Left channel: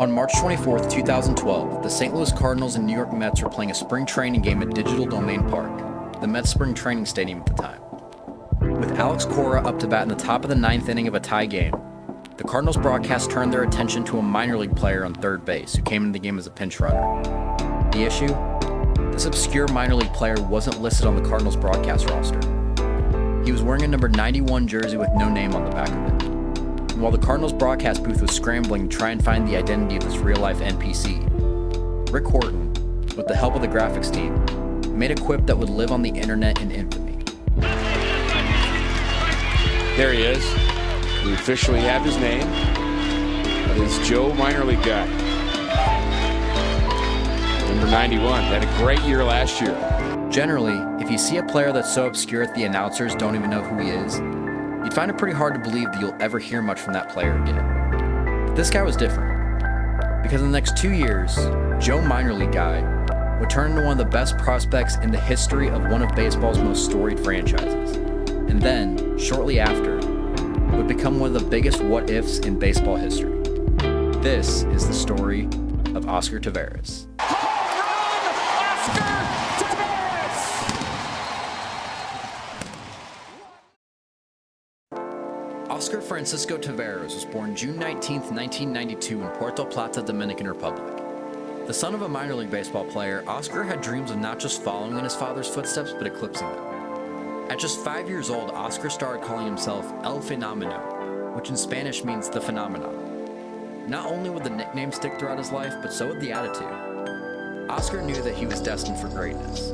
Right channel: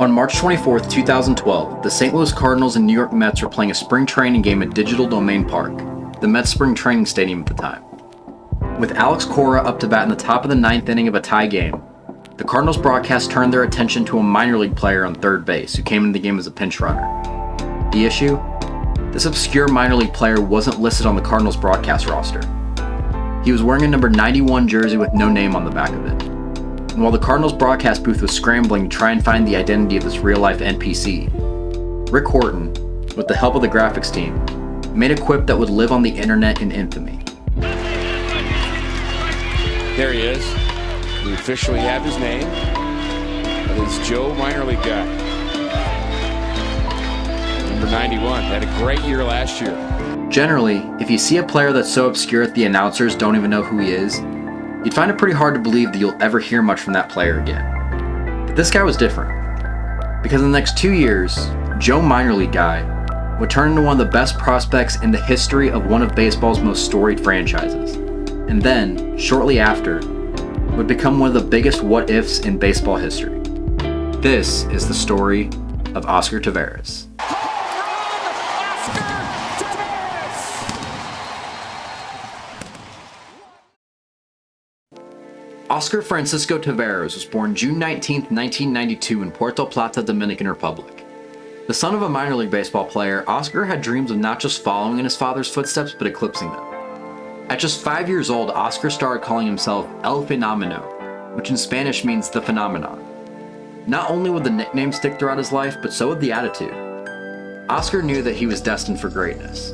On March 24, 2012, the St. Louis Cardinals and New York Mets were playing a spring training game at Digital Domain Park, the Mets spring training stadium at the time. With Alex Cora up to bat in the top of the ninth inning of a tie game, the Cardinals broadcast turned their attention to a minor league player on third base who came into the game as a pinch runner. The issue? This obscure minor league player wasn't listed on the Cardinals broadcast roster. He was wearing a number 91 jersey with no name on the back of it. And while the Cardinals broadcast booth was scrambling to try and find the identity of this real-life NPC, Rick Horton, with the help of the graphics team, made a quip that would live on the internet in infamy. There he is. We officially have his name. That is Joe Minor League guy. Number 91. Had a great year last year. Generally, if you see a player that's so obscure that the announcers don't even know who he is, you'd find it pretty hard to believe that you'll ever hear much from that player again. But this guy was different. Because in the next 2 years, Joe Minor League guy would turn into one of the best prospects in the history of one of baseball's most storied franchises. And then, shortly after, would become one of the biggest what-ifs in baseball history. This is the story of Oscar Taveras. Oscar Francisco Taveras was born June 19, 1992 in Puerto Plata, Dominican Republic. The son of a minor league baseball player, Oscar had dreams of not just following in his father's footsteps, but eclipsing them. At just 5 years old, Oscar started calling himself El Fenómeno, which in Spanish means the phenomenon. Not only would the nickname stick throughout his life, but so would the attitude. Oscar knew that he was destined for greatness.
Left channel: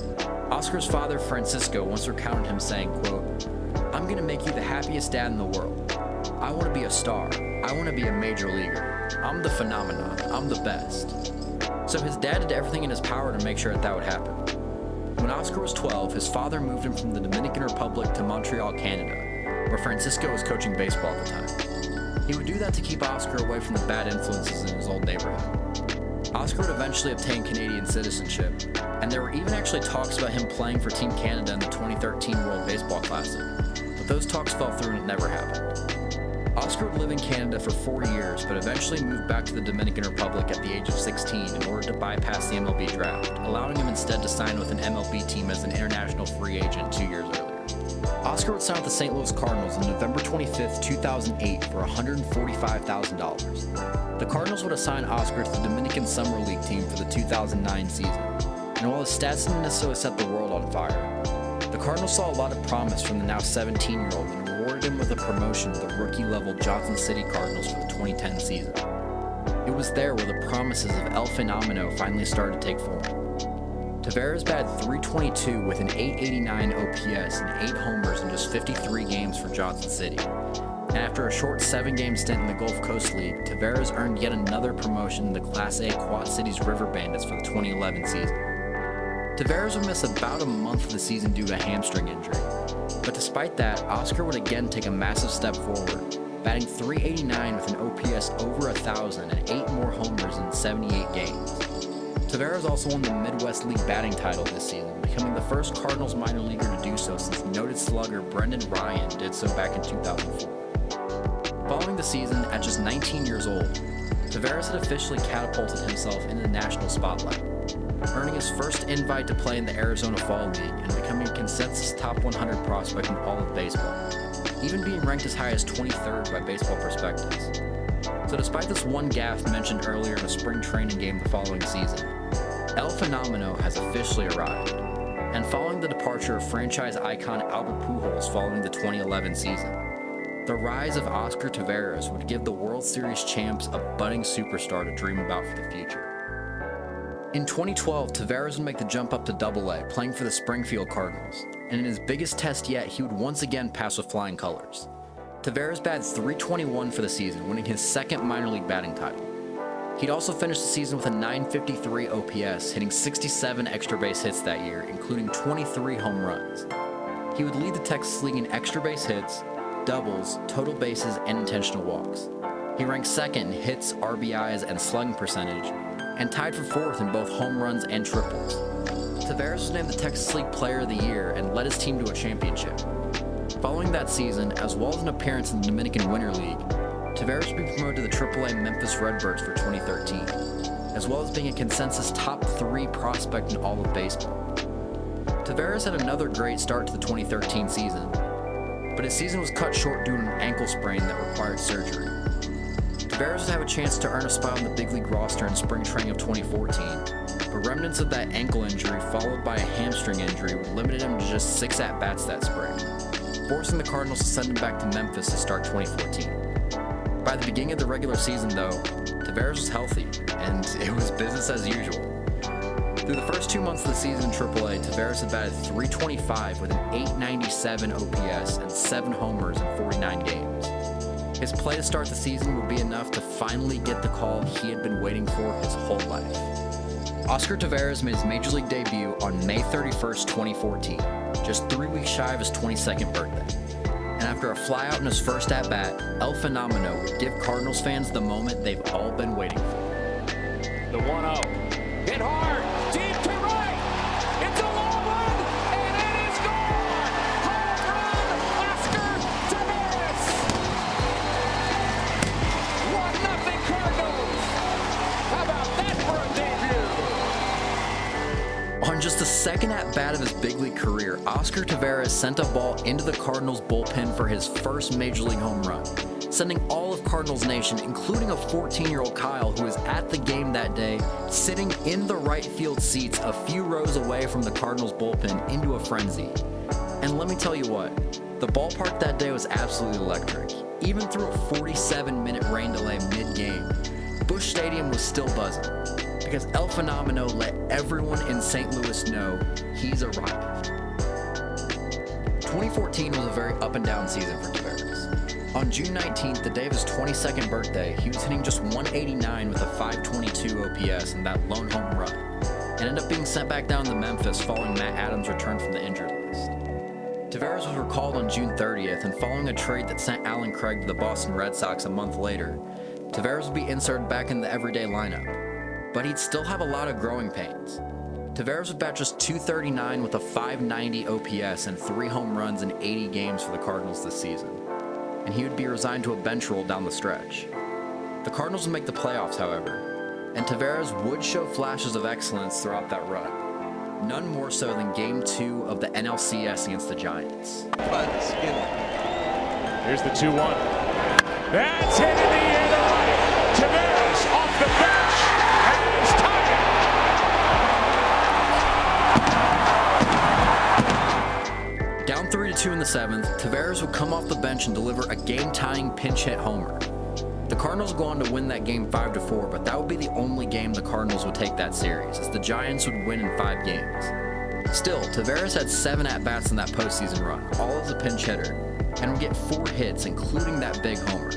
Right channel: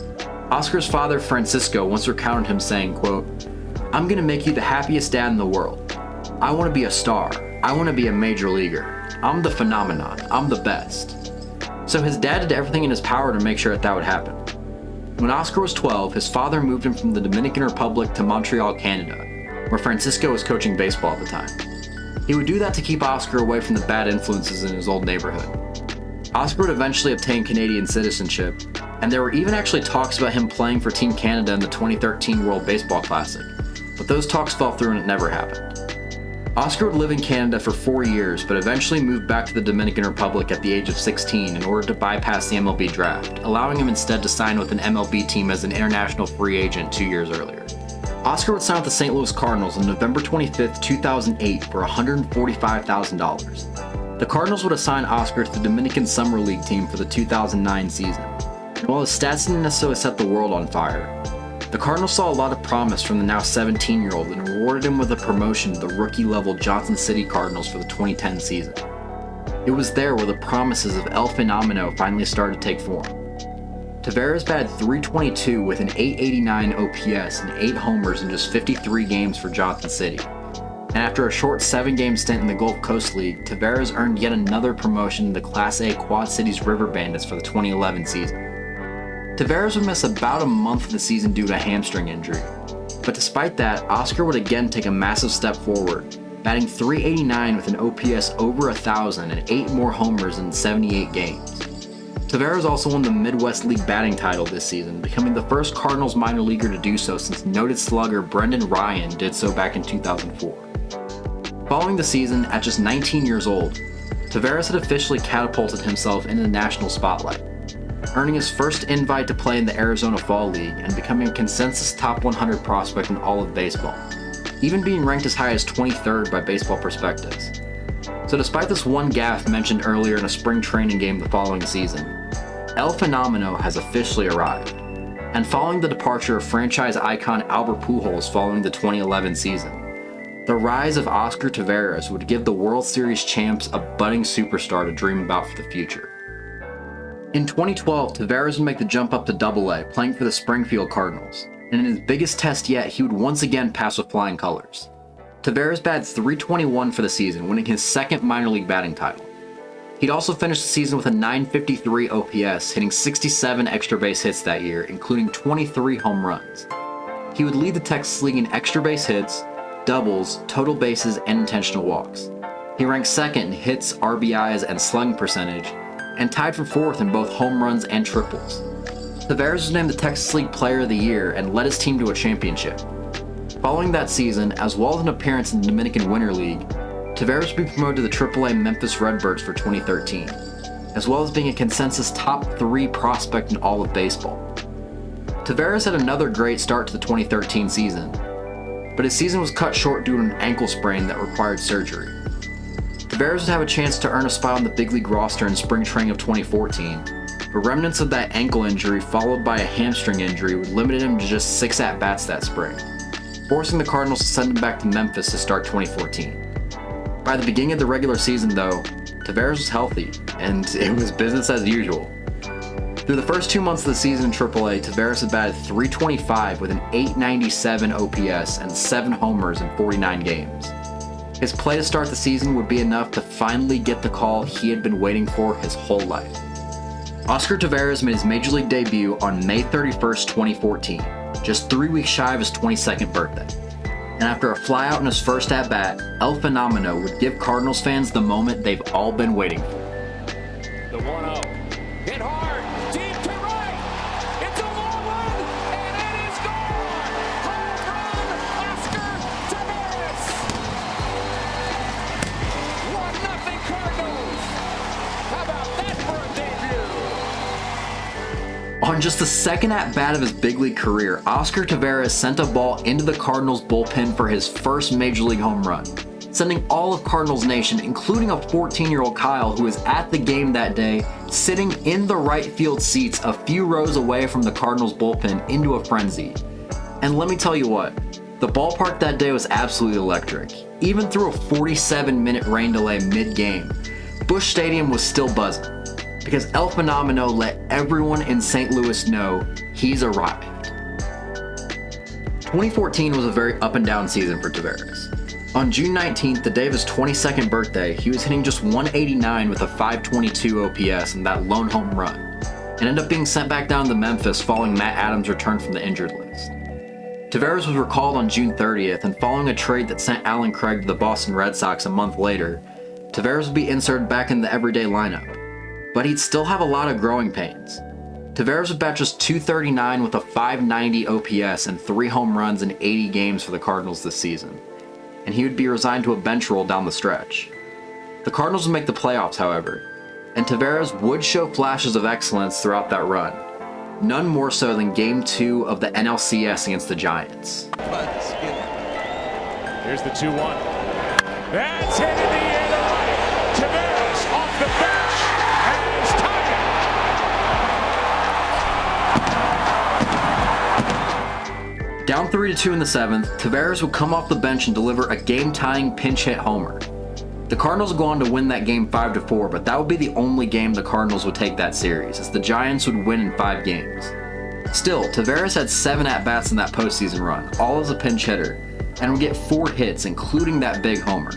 Oscar's father, Francisco, once recounted him saying, quote, "I'm gonna make you the happiest dad in the world. I wanna be a star. I wanna be a major leaguer. I'm the phenomenon. I'm the best." So his dad did everything in his power to make sure that would happen. When Oscar was 12, his father moved him from the Dominican Republic to Montreal, Canada, where Francisco was coaching baseball at the time. He would do that to keep Oscar away from the bad influences in his old neighborhood. Oscar would eventually obtain Canadian citizenship, and there were even actually talks about him playing for Team Canada in the 2013 World Baseball Classic, but those talks fell through and it never happened. Oscar would live in Canada for 4 years, but eventually moved back to the Dominican Republic at the age of 16 in order to bypass the MLB draft, allowing him instead to sign with an MLB team as an international free agent 2 years earlier. Oscar would sign with the St. Louis Cardinals on November 25, 2008 for $145,000. The Cardinals would assign Oscar to the Dominican Summer League team for the 2009 season. And while his stats didn't necessarily set the world on fire, the Cardinals saw a lot of promise from the now 17-year-old and rewarded him with a promotion to the rookie-level Johnson City Cardinals for the 2010 season. It was there where the promises of El Fenómeno finally started to take form. Taveras batted .322 with an .889 OPS and 8 homers in just 53 games for Johnson City. And after a short 7-game stint in the Gulf Coast League, Taveras earned yet another promotion to the Class A Quad Cities River Bandits for the 2011 season. Taveras would miss about a month of the season due to a hamstring injury. But despite that, Oscar would again take a massive step forward, batting .389 with an OPS over 1,000 and 8 more homers in 78 games. Taveras also won the Midwest League batting title this season, becoming the first Cardinals minor leaguer to do so since noted slugger Brendan Ryan did so back in 2004. Following the season, at just 19 years old, Taveras had officially catapulted himself into the national spotlight, earning his first invite to play in the Arizona Fall League and becoming a consensus top 100 prospect in all of baseball, even being ranked as high as 23rd by Baseball Prospectus. So despite this one gaffe mentioned earlier in a spring training game the following season, El Fenómeno has officially arrived. And following the departure of franchise icon Albert Pujols following the 2011 season, the rise of Oscar Taveras would give the World Series champs a budding superstar to dream about for the future. In 2012, Taveras would make the jump up to Double-A, playing for the Springfield Cardinals, and in his biggest test yet, he would once again pass with flying colors. Taveras batted .321 for the season, winning his second minor league batting title. He'd also finished the season with a .953 OPS, hitting 67 extra base hits that year, including 23 home runs. He would lead the Texas League in extra base hits, doubles, total bases, and intentional walks. He ranked second in hits, RBIs, and slugging percentage, and tied for fourth in both home runs and triples. Taveras was named the Texas League Player of the Year and led his team to a championship. Following that season, as well as an appearance in the Dominican Winter League, Taveras would be promoted to the AAA Memphis Redbirds for 2013, as well as being a consensus top 3 prospect in all of baseball. Taveras had another great start to the 2013 season, but his season was cut short due to an ankle sprain that required surgery. Taveras would have a chance to earn a spot on the big league roster in spring training of 2014, but remnants of that ankle injury followed by a hamstring injury would limit him to just 6 at-bats that spring, forcing the Cardinals to send him back to Memphis to start 2014. By the beginning of the regular season, though, Taveras was healthy, and it was business as usual. Through the first 2 months of the season in AAA, Taveras had batted .325 with an .897 OPS and 7 homers in 49 games. His play to start the season would be enough to finally get the call he had been waiting for his whole life. Oscar Taveras made his Major League debut on May 31st, 2014, just 3 weeks shy of his 22nd birthday. And after a flyout in his first at-bat, El Fenómeno would give Cardinals fans the moment they've all been waiting for. The 1-0. Hit hard. Deep to right. It's a long run, and it is gone. Home run, Oscar Taveras. 1-0 Cardinals. How about that for a debut? On just the second at-bat of his big league career, Oscar Taveras sent a ball into the Cardinals bullpen for his first Major League home run, sending all of Cardinals Nation, including a 14-year-old Kyle who was at the game that day, sitting in the right field seats a few rows away from the Cardinals bullpen, into a frenzy. And let me tell you what, the ballpark that day was absolutely electric. Even through a 47-minute rain delay mid-game, Busch Stadium was still buzzing, because El Fenómeno let everyone in St. Louis know he's arrived. 2014 was a very up and down season for Taveras. On June 19th, the day of his 22nd birthday, he was hitting just .189 with a .522 OPS and that lone home run, and ended up being sent back down to Memphis following Matt Adams' return from the injured list. Taveras was recalled on June 30th, and following a trade that sent Alan Craig to the Boston Red Sox a month later, Taveras would be inserted back in the everyday lineup, but he'd still have a lot of growing pains. Taveras would bat just .239 with a .590 OPS and 3 home runs in 80 games for the Cardinals this season, and he would be resigned to a bench role down the stretch. The Cardinals would make the playoffs, however, and Taveras would show flashes of excellence throughout that run, none more so than Game 2 of the NLCS against the Giants. Here's the 2-1. That's hit in the air to right. Taveras off the bench has tied it. Down 3-2 in the 7th, Taveras would come off the bench and deliver a game-tying pinch-hit homer. The Cardinals would go on to win that game 5-4, but that would be the only game the Cardinals would take that series, as the Giants would win in 5 games. Still, Taveras had 7 at-bats in that postseason run, all as a pinch hitter, and would get 4 hits, including that big homer.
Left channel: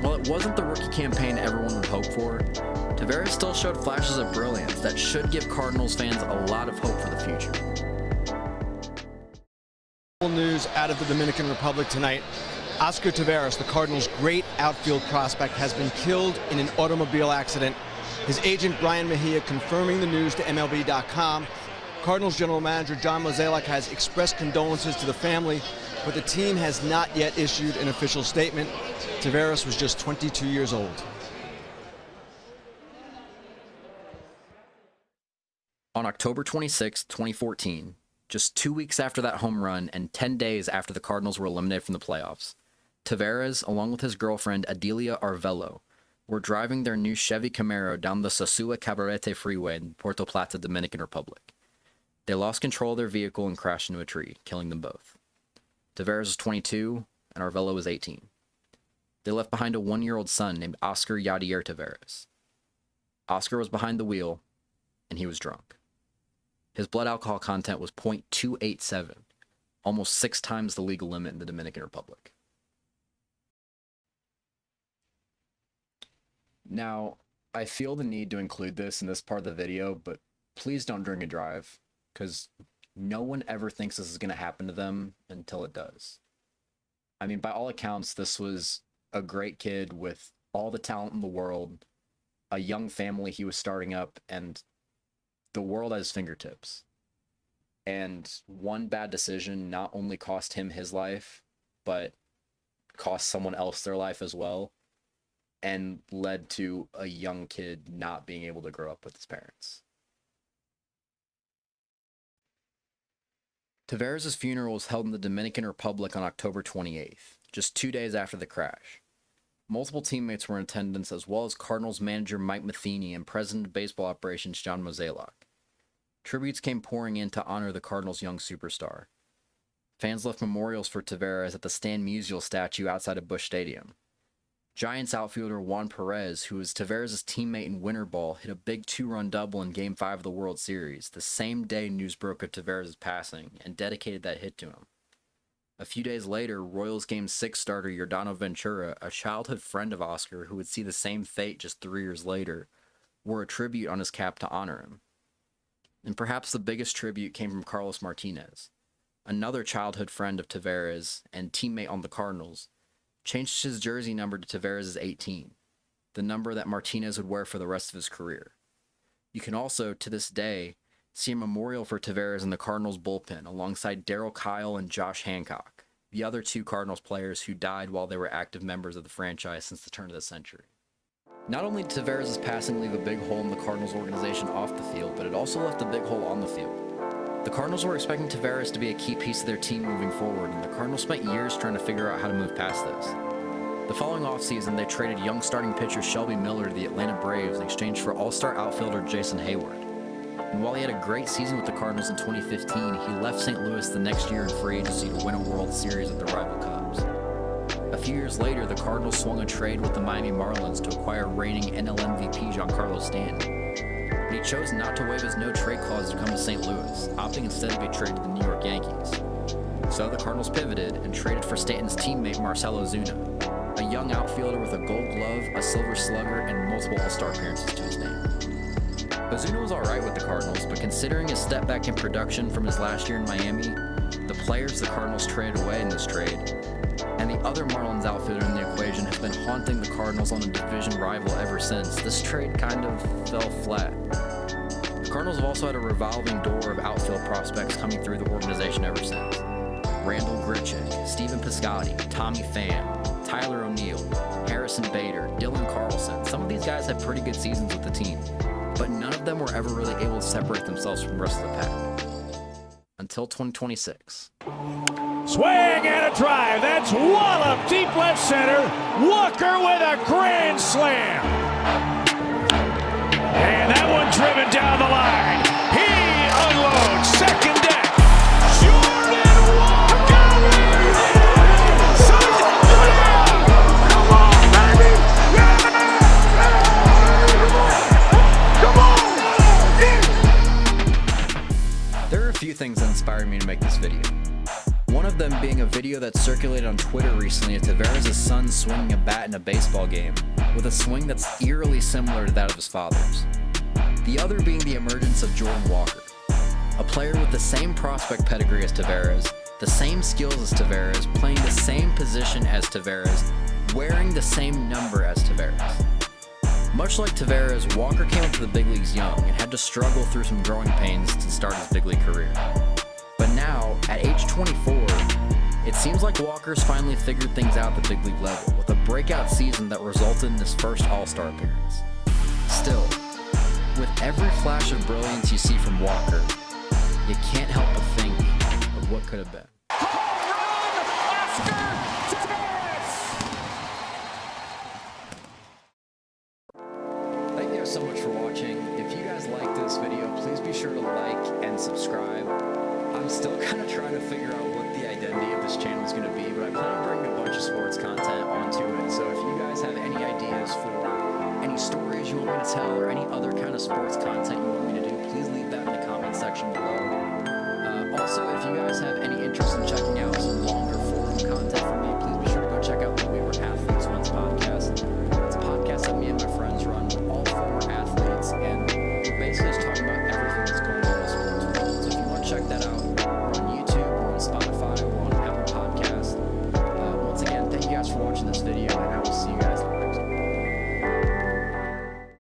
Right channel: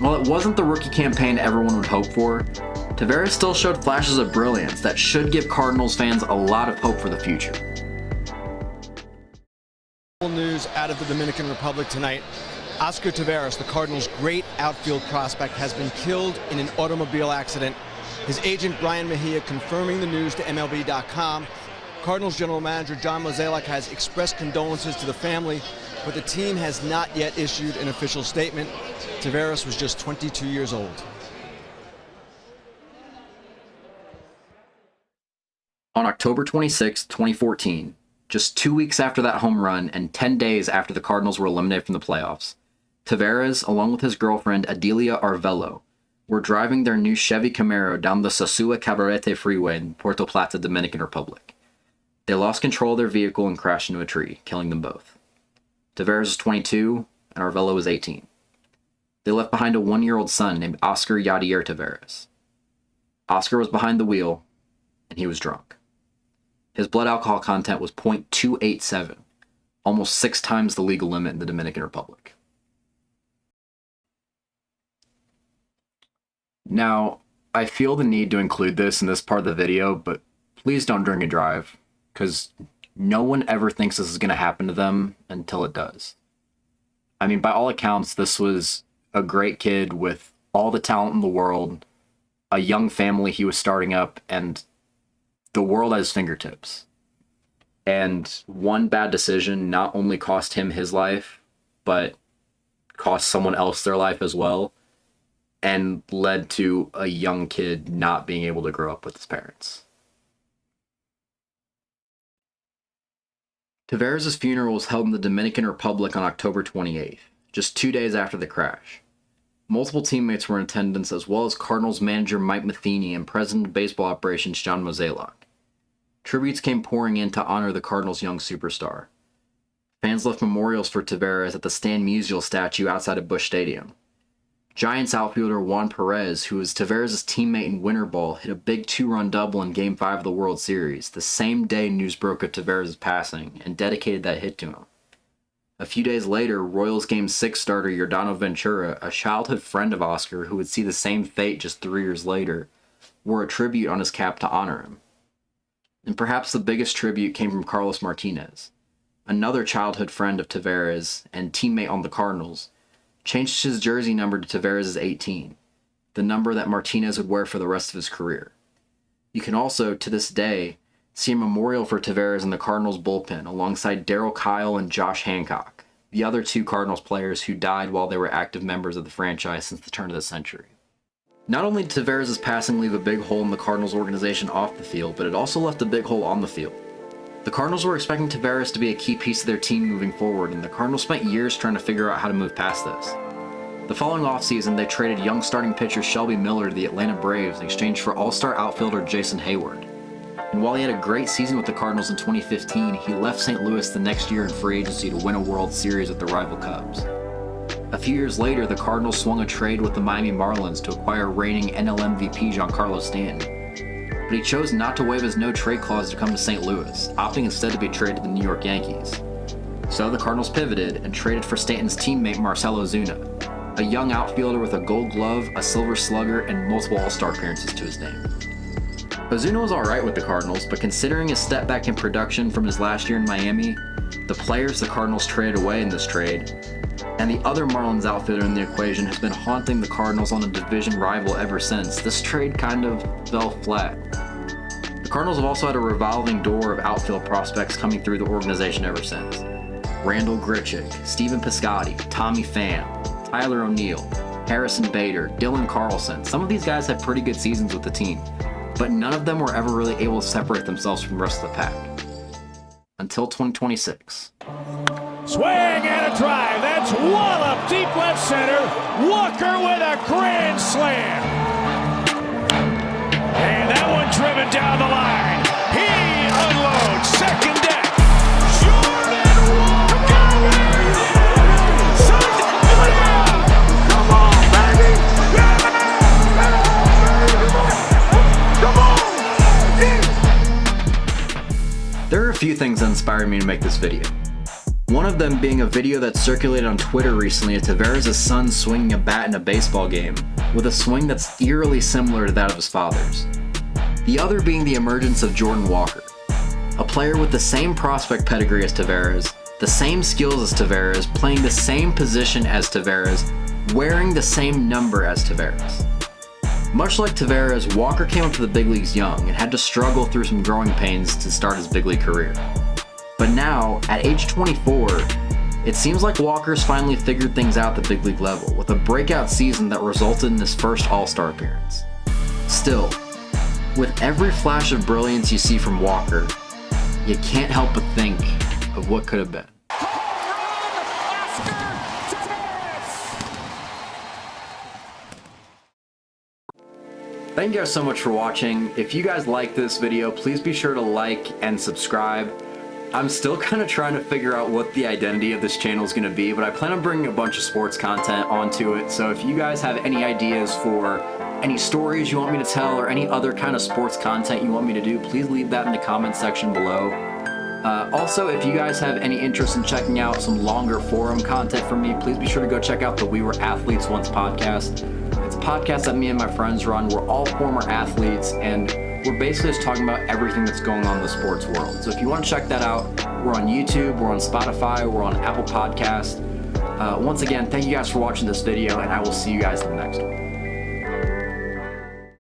While it wasn't the rookie campaign everyone would hope for, Taveras still showed flashes of brilliance that should give Cardinals fans a lot of hope for the future. News out of the Dominican Republic tonight. Oscar Taveras, the Cardinals' great outfield prospect, has been killed in an automobile accident. His agent, Brian Mejia, confirming the news to MLB.com. Cardinals general manager John Mozeliak has expressed condolences to the family, but the team has not yet issued an official statement. Taveras was just 22 years old. On October 26, 2014, just 2 weeks after that home run and 10 days after the Cardinals were eliminated from the playoffs, Taveras, along with his girlfriend Adelia Arvelo, were driving their new Chevy Camaro down the Sosua Cabarete freeway in Puerto Plata, Dominican Republic. They lost control of their vehicle and crashed into a tree, killing them both. Taveras was 22 and Arvelo was 18. They left behind a 1-year-old son named Oscar Yadier Taveras. Oscar was behind the wheel, and he was drunk. His blood alcohol content was .287, almost 6 times the legal limit in the Dominican Republic. Now, I feel the need to include this in this part of the video, but please don't drink and drive, because no one ever thinks this is going to happen to them until it does. I mean, by all accounts, this was a great kid with all the talent in the world, a young family he was starting up, and the world at his fingertips. And one bad decision not only cost him his life, but cost someone else their life as well. and led to a young kid not being able to grow up with his parents. Taveras' funeral was held in the Dominican Republic on October 28th, just 2 days after the crash. Multiple teammates were in attendance, as well as Cardinals manager Mike Matheny and president of baseball operations John Mozeliak. Tributes came pouring in to honor the Cardinals' young superstar. Fans left memorials for Taveras at the Stan Musial statue outside of Busch Stadium. Giants outfielder Juan Perez, who was Taveras' teammate in winter ball, hit a big 2-run double in Game 5 of the World Series, the same day news broke of Taveras' passing, and dedicated that hit to him. A few days later, Royals Game 6 starter Yordano Ventura, a childhood friend of Oscar who would see the same fate just 3 years later, wore a tribute on his cap to honor him. And perhaps the biggest tribute came from Carlos Martinez, another childhood friend of Taveras and teammate on the Cardinals, changed his jersey number to Taveras' 18, the number that Martinez would wear for the rest of his career. You can also, to this day, see a memorial for Taveras in the Cardinals bullpen alongside Darryl Kyle and Josh Hancock, the other 2 Cardinals players who died while they were active members of the franchise since the turn of the century. Not only did Taveras' passing leave a big hole in the Cardinals organization off the field, but it also left a big hole on the field. The Cardinals were expecting Taveras to be a key piece of their team moving forward, and the Cardinals spent years trying to figure out how to move past this. The following offseason, they traded young starting pitcher Shelby Miller to the Atlanta Braves in exchange for all-star outfielder Jason Hayward. And while he had a great season with the Cardinals in 2015, he left St. Louis the next year in free agency to win a World Series with the rival Cubs. A few years later, the Cardinals swung a trade with the Miami Marlins to acquire reigning NL MVP Giancarlo Stanton. But he chose not to waive his no-trade clause to come to St. Louis, opting instead to be traded to the New York Yankees. So the Cardinals pivoted and traded for Stanton's teammate Marcell Ozuna, a young outfielder with a Gold Glove, a Silver Slugger, and multiple All-Star appearances to his name. Ozuna was alright with the Cardinals, but considering his step back in production from his last year in Miami, the players the Cardinals traded away in this trade, and the other Marlins outfielder in the equation has been haunting the Cardinals on a division rival ever since, this trade kind of fell flat. The Cardinals have also had a revolving door of outfield prospects coming through the organization ever since. Randall Grichuk, Stephen Piscotty, Tommy Pham, Tyler O'Neill, Harrison Bader, Dylan Carlson. Some of these guys had pretty good seasons with the team, but none of them were ever really able to separate themselves from the rest of the pack. Until 2026. Swing and a drive. That's wallop deep left center. Walker with a grand slam. And that one driven down the line. He unloads second deck. There are a few things that inspired me to make this video. One of them being a video that circulated on Twitter recently of Taveras' son swinging a bat in a baseball game, with a swing that's eerily similar to that of his father's. The other being the emergence of Jordan Walker, a player with the same prospect pedigree as Taveras, the same skills as Taveras, playing the same position as Taveras, wearing the same number as Taveras. Much like Taveras, Walker came up to the big leagues young and had to struggle through some growing pains to start his big league career. But now, at age 24, it seems like Walker's finally figured things out at the big league level, with a breakout season that resulted in his first All-Star appearance. Still, with every flash of brilliance you see from Walker, you can't help but think of what could have been. Thank you guys so much for watching. If you guys like this video, please be sure to like and subscribe. I'm still kind of trying to figure out what the identity of this channel is going to be, but I plan on bringing a bunch of sports content onto it. So if you guys have any ideas for any stories you want me to tell or any other kind of sports content you want me to do, please leave that in the comment section below. Also, if you guys have any interest in checking out some longer forum content from me, please be sure to go check out the We Were Athletes Once podcast. It's a podcast that me and my friends run. We're all former athletes, and we're basically just talking about everything that's going on in the sports world. So if you want to check that out, we're on YouTube, we're on Spotify, we're on Apple Podcasts. Once again, thank you guys for watching this video, and I will see you guys in the next one.